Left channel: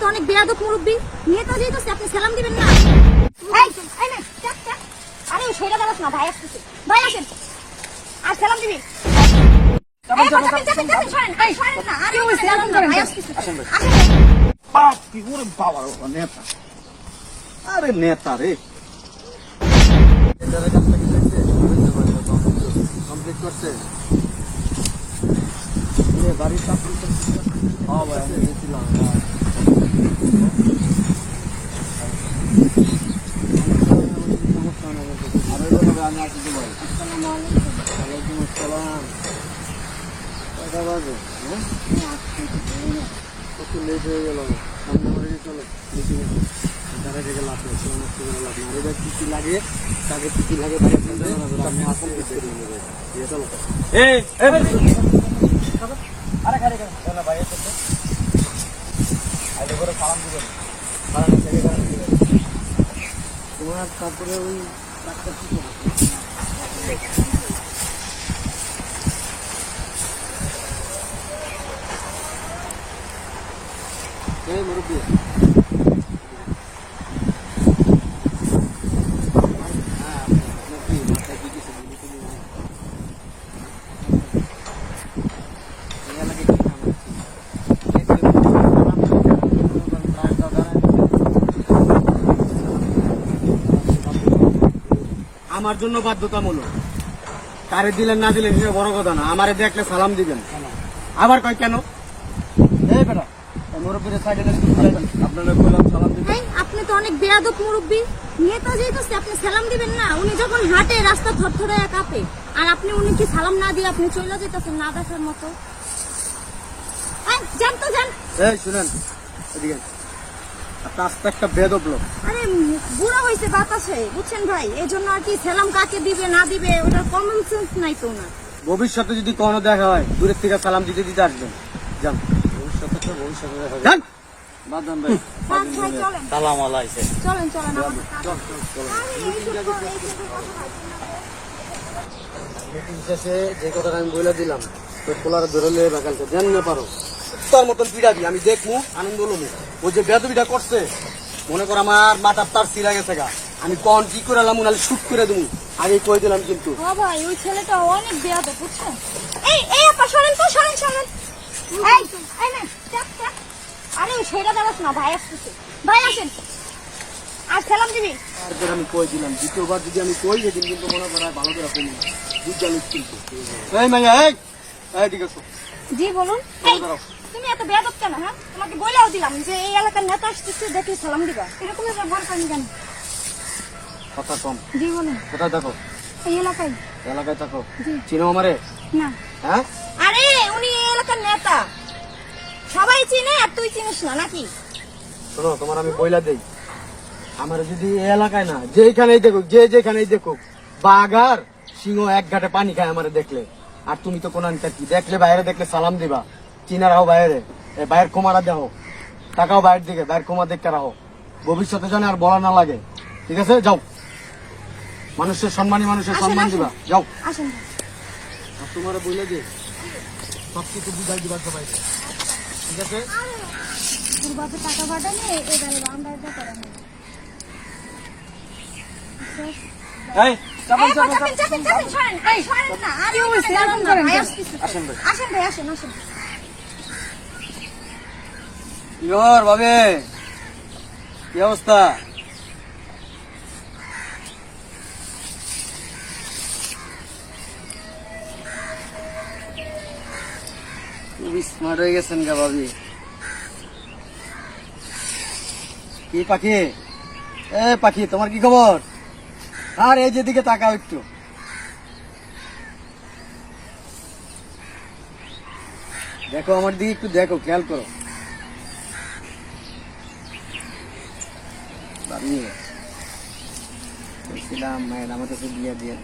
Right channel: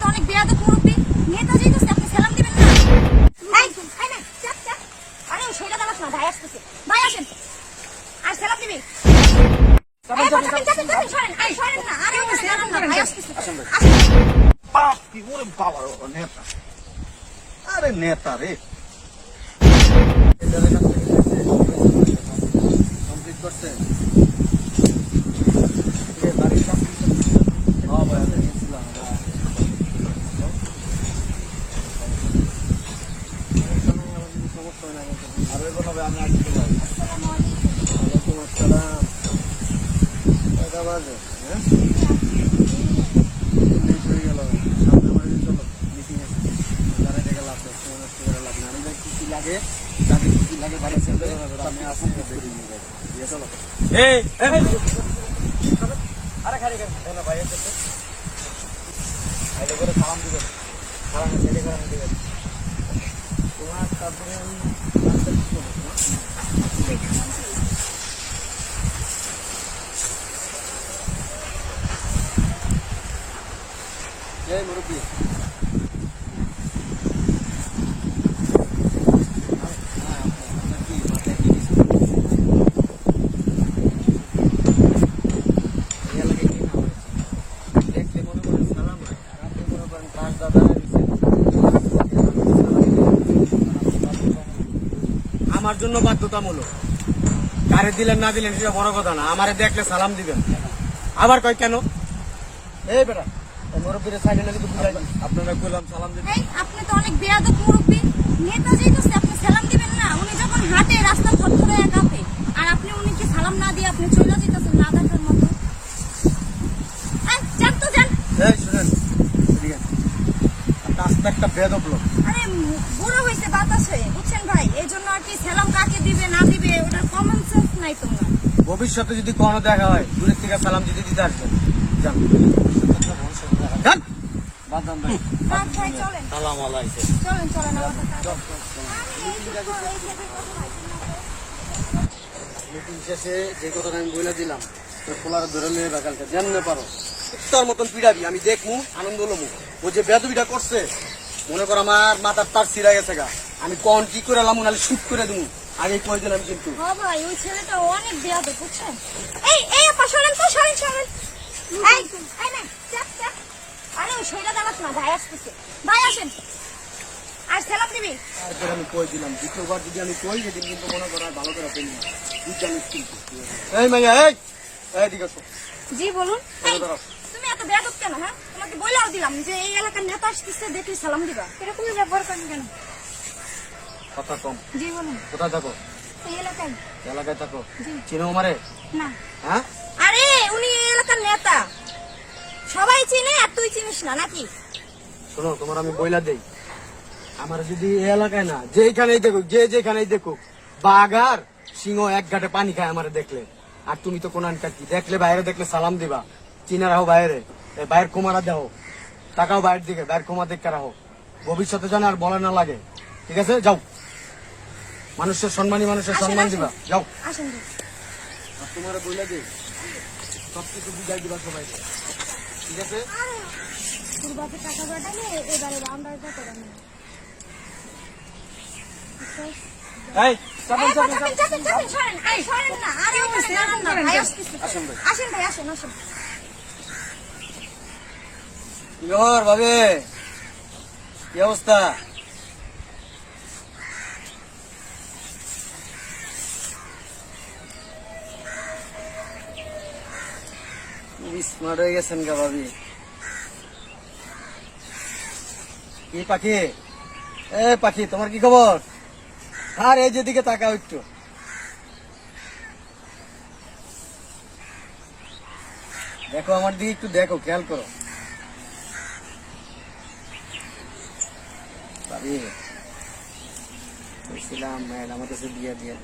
তো অনেক বেয়াদব মুরব্বি, নেতা যেতেছে আপনি সালাম দিবেন না? এই নে, চাপ। আরে সেটা দাঁড়াস না, ভাই আসতেছে। ভাই আসেন, আর সালাম দিবি। সরেন না, আরে ভাই আসতেছে। কি করে বাবা নেতা, আরে নেতা রে কমপ্লিট করছে বাড়ির কাজ হ্যাঁ ভাই আমি গেছিলাম সমস্যা নেই আর ওইভাবে আমি আসতে পারি। ওয়ালাইকুম আসসালাম। কটা বাজে? হ্যাঁ লেট হয়ে গেল, যারা থেকে লাভ নষ্ট করে লাভ না। এবার কি লাগে তাকে কি লাগে তাকে সাথে আপনি আসেন আরে খারে না ভাইয়ের সাথে আগে করে সালাম দিবেন, সালাম থেকে দিবেন তোমার। তারপরে ওই মুরব্বী আমার জন্য বাধ্যতামূলক, কারে দিলেন না দিলেন সেটা বড় কথা না, আমারে দেখলে সালাম দিবেন। আবার কয় কেন এই বেটা মুরব্বীরা সাইকেলে আপনারা কইলাম সালাম দিবেন। আপনি তো অনেক বেয়াদব মুরব্বি, নেতা যেতেছে আপনি সালাম দিবেন না? উনি যখন হাঁটে রাস্তা থরথরে কাঁপে, আর আপনি উনি কি সালাম না দিয়ে আপনি চলে যেতেছেন নাটকের মতো। যান তো যান। এই শুনুন আস্তে একটা বেদব লোক, আরে বুড়ো হয়েছে বাতাসে, বুঝছেন ভাই, এই জন্য আর কি সালাম কাকে দিবে না দিবে ওটা কমন সেন্স নাই তো না। ভবিষ্যতে যদি কোনো দেখা হয় দূরের থেকে সালাম দিতে দিতে আসবেন। যান যান ভাই চলেন সালাম আলাইকুম। চলেন আমাদের মিটিং শেষে যে কথাটা আমি বলে দিলাম তো খোলারে ধরে নিয়ে বেকালকে জানিয়ে পারো তার মতন পিড়াবি আমি দেখবো আনন্দ লমু। ও যে বেদবিটা করছে মনে কর আমার মাথার তার ছিঁড়া গেছে গা, আমি কখন কি করে লামু নাহলে শুট করে দেবো আমি কয়ে দিলাম কিন্তু। ভাই ওই ছেলেটা অনেক বেয়াদব, বুঝছেন? এই আপা সরেন তো, সরেন। এই নে, চাপ। আরে সেটা দাঁড়াস না, ভাই আসতেছে। ভাই আসেন, আর সালাম দিবি। তারপর আমি কয়ে দিলাম দ্বিতীয়বার যদি আমি কই দিন কিন্তু মনে করা ভালো করে আপনি বুঝজানিস কিন্তু। এই মাইয়া এই ঠিক আছে জি বলুন। তুমি এত বেয়াদব কেন? হ্যাঁ, তোমাকে বলেও দিলাম যে এই এলাকার নেতা আসতেছে, দেখলে সালাম দিবা। এরকমই ব্যবহার কেন কেন? কথা কম। জি বলুন। কোথায় থাকো? এই এলাকায়। এলাকায় থাকো? জি। চিনো আমারে? না। হ্যাঁ আরে উনি এই এলাকার নেতা, সবাই চিনে, আর তুই চিনিস না নাকি? শোনো তোমার আমি বইলা দেই, আমার যদি এই এলাকায় না যেখানেই দেখুক যেখানেই দেখুক বাঘার সিংহ এক ঘাটে পানি খায় আমারে দেখলে, আর তুমি তো কোনানকার কি দেখলে বাইরে দেখলে সালাম দিবা, চিনা রাখো বাইরে, বাইরের কোমারা দেখো, টাকাও বাইরের দিকে বাইরের কোমা দেখতে রাখো, ভবিষ্যতে জানে আর বলা না লাগে। ঠিক আছে যাও, মানুষের সম্মানী মানুষের সম্মান দিবা, যাও। আসেন। আর তোমার বইলা যে সবকিছু বুঝাই দিবা সবাইকে, ঠিক আছে? তোর বাপে টাকা বাদানে এবারে আন্দাজটা করে না। এই চাপেন চাপেন, সরেন না। আরে আসেন ভাই। আসেন। কি খবর ভাবে, কি অবস্থা? খুবই স্মার্ট হয়ে গেছেন গা ভাবি। কি পাখি, এ পাখি তোমার কি খবর? আর এই যেদিকে তাকাও একটু, দেখো আমার দিকে একটু দেখো, খেয়াল করো ভাবি। বলছিলাম ম্যাড আমার কাছে দিয়ে দেন,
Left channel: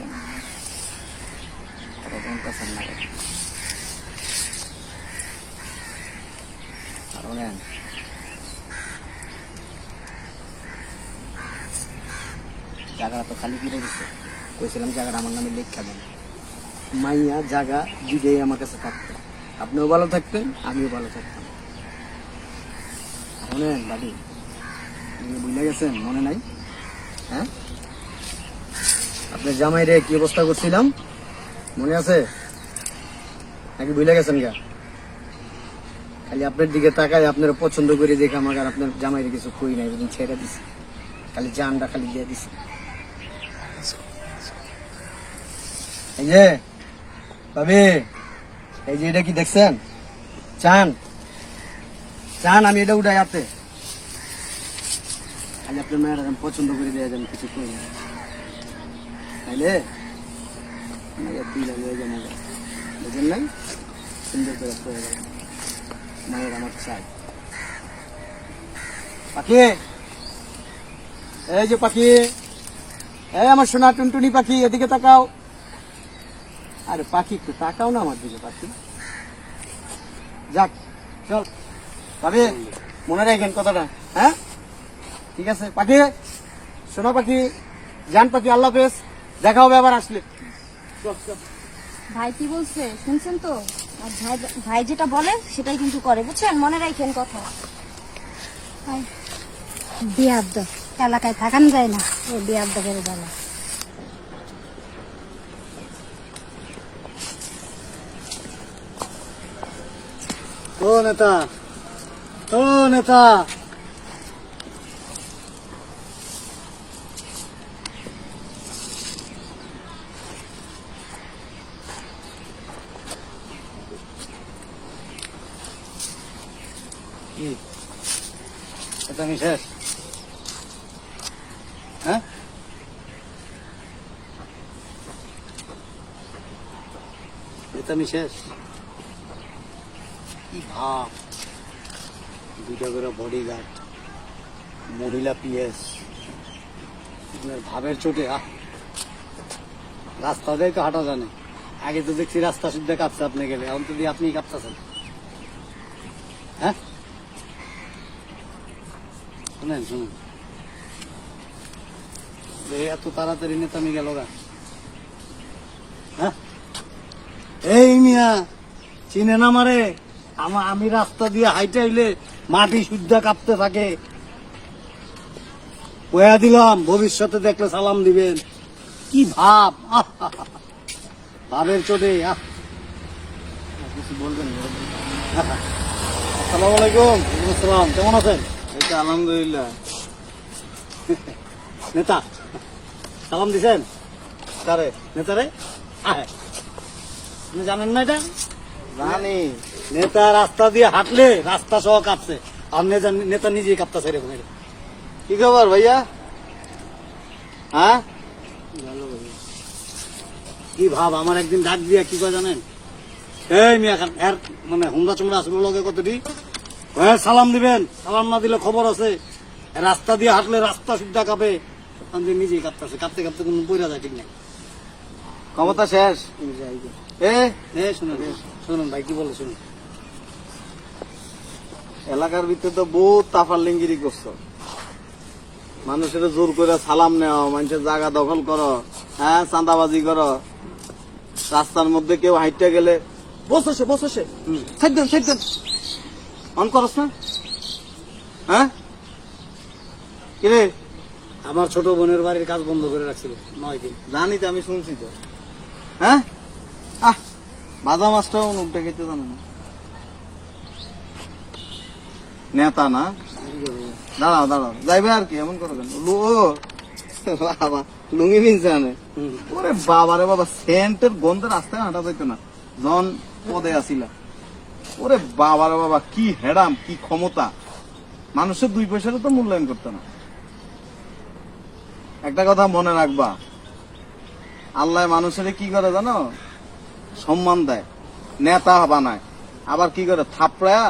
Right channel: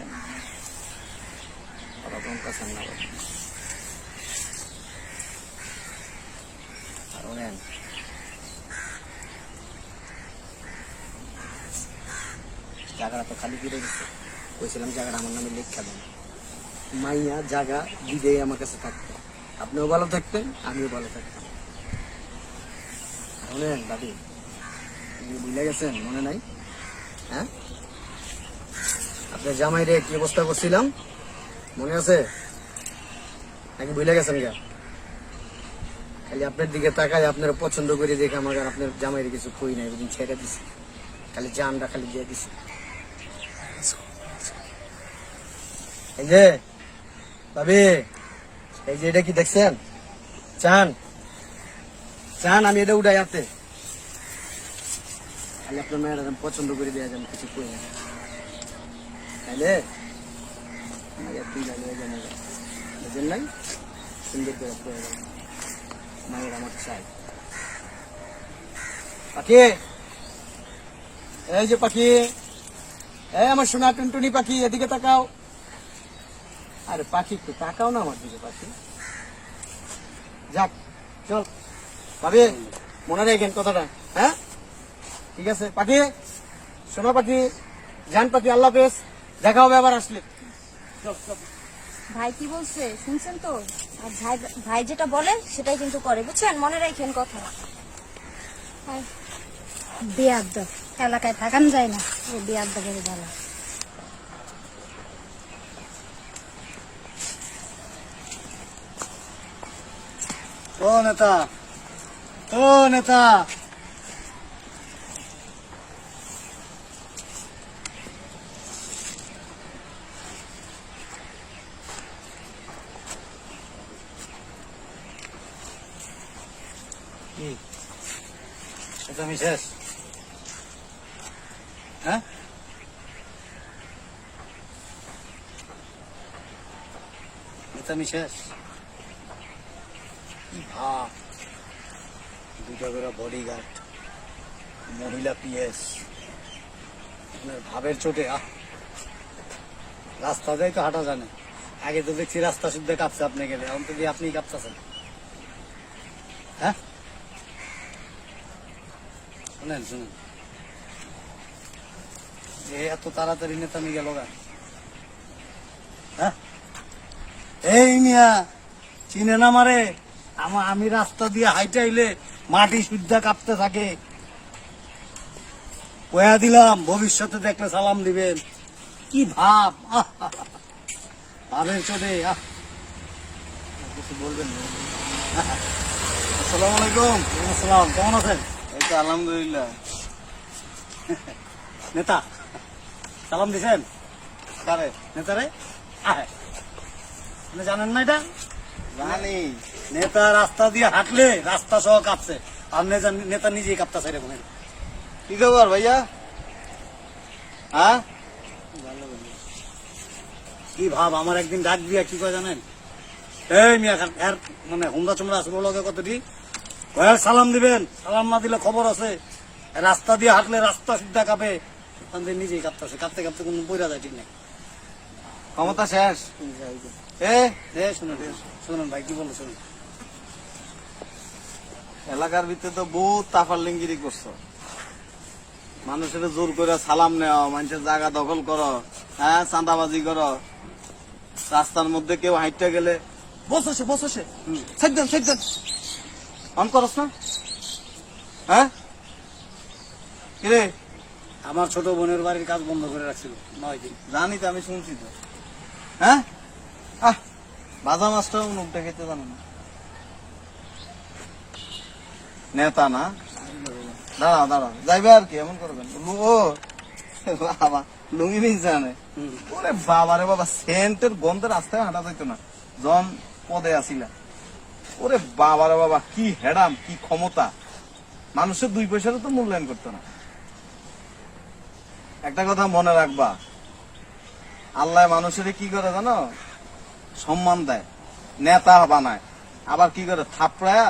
এরকম পছন্দ না কারণ জায়গাটা তো খালি কিনে দিচ্ছে, কইছিলাম জায়গাটা আমার নামে লেখা দেন, মাইয়া জায়গা দিদেই আমার কাছে থাকতো, আপনিও ভালো থাকতেন আমিও ভালো থাকতাম। শোনেন দাদি, ভুলে গেছেন, মনে নাই? হ্যাঁ, আপনার জামাই রে কি অবস্থা করছিলাম মনে আছে নাকি ভুলে গেছেন? গা খালি আপনার দিকে তাকায় আপনার পছন্দ করে দেখে আমাকে আর আপনার জামাইরে কিছু কই নাই, এরকম ছেড়ে দিছি, খালি জানটা খালি দিয়ে দিছি। এই যে ভাবি, এই যে এটা কি দেখছেন? চান চান আমি এটা উঠাই আপনি খালি আপনার মেয়ের এখন পছন্দ করে দেওয়া যান, কিছু করি না তাইলে বুঝলেন? সুন্দর করে মায়ের আমার চাই। পাখি, এই যে পাখি, এই আমার সোনা টুনটুনি পাখি, এদিকে তাকাও। আরে পাখি একটু তাকাও না আমার দিকে পাখি। যাক চল ভাবি, মনে রাখেন কথাটা। হ্যাঁ ঠিক আছে পাখি, সোনা পাখি, জান পাখি, আল্লাহ হাফেজ, দেখা হবে আবার আসলে। ভাই কি বলছে শুনছেন তো? আর ভাই যেটা বলে সেটাই কিন্তু করে, বুঝছেন? মনে রাখেন কথা। বিয়াদ্দ এলাকায় থাকান যায় না, ও বিয়াদ্দ করে বলা। ও নেতা, ও নেতা, এটা আমি শেষ। হ্যাঁ, এটা আমি শেষ। কি ভাব, দুটা করে বডিগার্ড, মহিলা পিএস, ভাবের চোটে রাস্তা দিয়ে তো হাঁটা জানে। আগে তো দেখছি রাস্তা সিদ্ধা কাঁপছে, আপনি গেলে এখন তো দিয়ে আপনি কাঁপতেছেন। হ্যাঁ শুনেন, শুনুন, এই এত তাড়াতাড়ি নেতা নিয়ে গেল গা? হ্যাঁ, এই মিয়া চিনে না মারে, আমি রাস্তা দিয়ে হাইটাইলে মাটি শুদ্ধ কাঁপতে থাকে। কয়া দিলাম ভবিষ্যতে দেখলে সালাম দিবেন। কি ভাব, ভাবের চোটে। কিছু বলবেন না? আসসালামু আলাইকুম। আসসালাম, কেমন আছেন? এই তো আলহামদুলিল্লাহ। নেতা সালাম দিছেন? কারে? নেতারে আপনি জানেন না এটা? জানি। নেতা রাস্তা দিয়ে হাঁটলে রাস্তা সহ কাঁপছে, আর নেতা নিজেই কাঁপতেছে এরকম। কি খবর ভাইয়া? হ্যাঁ, কি ভাব, আমার একদিন ডাক দিয়ে কি করে জানেন? এই মিয়া এর মানে হুমরা চুমরা আসবে বলো কতটি, হ্যাঁ সালাম দিবেন, সালাম না দিলে খবর আছে। রাস্তা দিয়ে হাঁটলে রাস্তা সুদ্ধা কাঁপে, ওখান থেকে নিজেই কাঁপতেছে, কাঁপতে কাঁপতে কোনো বইরা যায় ঠিক না। ক্ষমতা শেষ। শুনুন শুনুন ভাই কি বলে শুনুন। এলাকার ভিতরে তো বহুত তাফারলিঙ্গিরি করছো, মানুষের জোর করে সালাম নেওয়া, মানুষের জায়গা দখল করো, হ্যাঁ চাঁদাবাজি করো, রাস্তার মধ্যে কেউ হাইটে গেলে বসে বসে সেদিন অন করস না? হ্যাঁ কিরে, আমার ছোট বোনের বাড়ির কাজ বন্ধ করে রাখছিল 9 দিন। জানি তো, আমি শুনছি তো। হ্যাঁ বাজা মাছটাও মুখটা খেতে জানো না, নেতা না? দাঁড়াও দাঁড়াও, যাইবে আর কি, এমন করবেন? ও বাবা, লুঙ্গি পিনছে আনে। ওরে বাবা রে বাবা, সেন্টের গন্ধে রাস্তায় হাঁটা যেত না জন পদে আসিলা। ওরে বাবা রে বাবা, কি হেডাম, কি ক্ষমতা! মানুষের 2 পয়সারও তো মূল্যায়ন করতে না। একটা কথা মনে রাখবা, আল্লাহ মানুষের কি করে জানো? সম্মান দেয়, নেতা বানায়, আবার কি করে থাপড়ায়া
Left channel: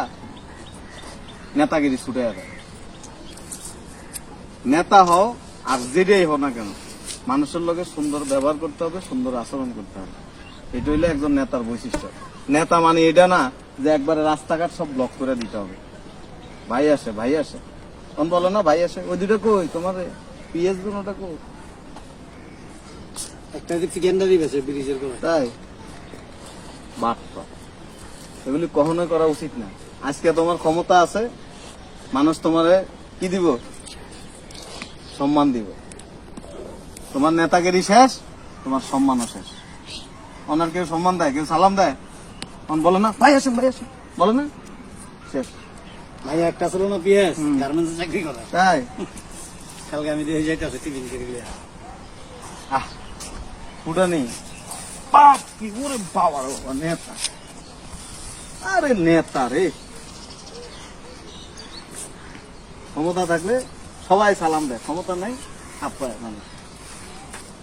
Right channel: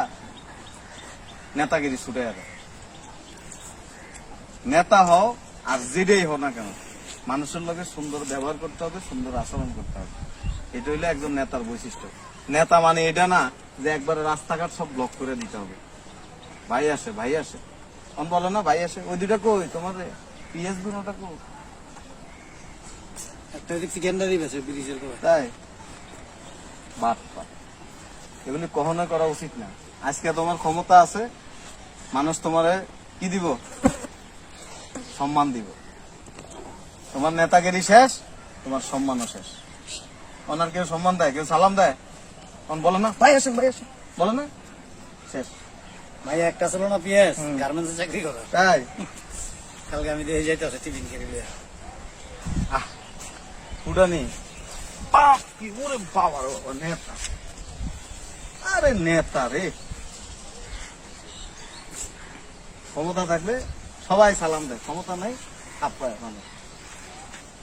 নেতাগিরি ছুটে দেয়। নেতা হও আর যেটাই হও না কেন, মানুষের লোকের সুন্দর ব্যবহার করতে হবে, সুন্দর আচরণ করতে হবে। এটা হইলে একজন নেতার বৈশিষ্ট্য। নেতা মানে এটা না যে একবারে রাস্তাঘাট সব ব্লক করে দিতে হবে। ভাই আসে, ভাই আসে, তখন বলো না ভাই আসে। ওই দুটা কই তোমার পিএস দুটা কই? একটা চিকেনটা দিবে সে ব্রিজের করে। তাই বাপ, এগুলি কখনো করা উচিত না। আজকে তোমার ক্ষমতা আছে, মানুষ তোমারে কি দিব? সম্মান দিব। তোমার নেতাগিরি শেষ, তোমার সম্মানও শেষ। ওনার কেউ সম্মান দেয়, কেউ সালাম দেয়? বলো না ভাই আসেন, ভাই আসেন, বলো না? শেষ। ভাই একটা ছিল না পিএস গার্মেন্টসে চাকরি করা, তাই কালকে আমি দেখি যাইতে আছে টিফিন করে দিয়ে। ফুটানি বাপ কি ওরে বাবা রে বাবা, নেতা, আরে নেতা রে। ক্ষমতা থাকলে সবাই সালাম দেয়, ক্ষমতা নাই হাত পায় মানে।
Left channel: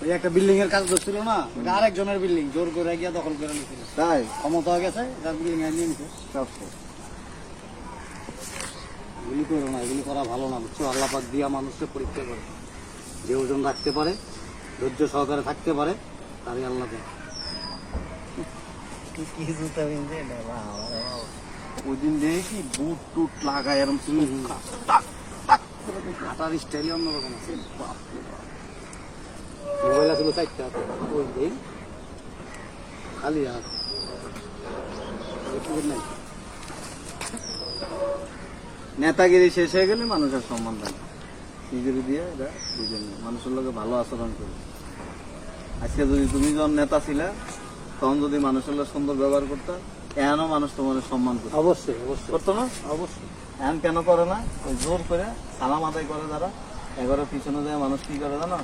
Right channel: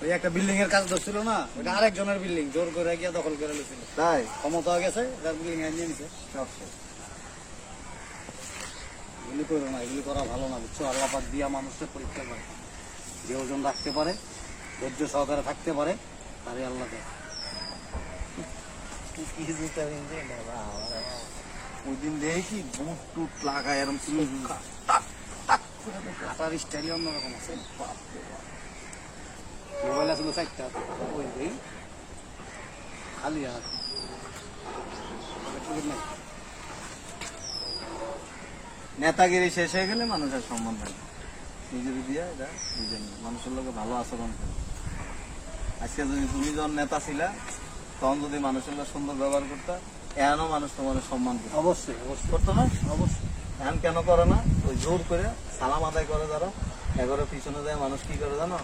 এই একটা বিল্ডিং এর কাজ করছিল না, ওটা আরেকজনের বিল্ডিং জোর করে গিয়া দখল করে নিয়েছিল। তাই ক্ষমতা হয়ে গেছে, তার বিল্ডিং এ নিয়ে নিছে। সব শেষ। এগুলি করো না, এগুলি করা ভালো না, বুঝছো? আল্লাহ পাক দিয়া মানুষকে পরীক্ষা করে, যে ওজন রাখতে পারে, ধৈর্য সহকারে থাকতে পারে, তারই আল্লাহ দেয়। ওই দিন দেখি বুট টুট লাগায় এরকম তুমি হাঁটার স্টাইল অন্যরকম আছে। মোবাইল আছিল 4টা, ওই দিন খালি হাত। নাই নেতাগিরি শেষ হয়ে গেলে মানুষের সম্মান দেয়, নিজের দিয়ে মানুষের লোকে ভালো আচরণ করে। আজকে যদি তুমি যখন নেতা ছিলে তখন যদি মানুষের লোক সুন্দর ব্যবহার করতে, এখনও মানুষ তোমার সম্মান করতো। অবশ্যই অবশ্যই করতো না? অবশ্যই। এখন কেন করো না? ওই জোর করে সালাম আদায় করে যারা, এগারো পিছনে যায় মানুষ কি করে জানো?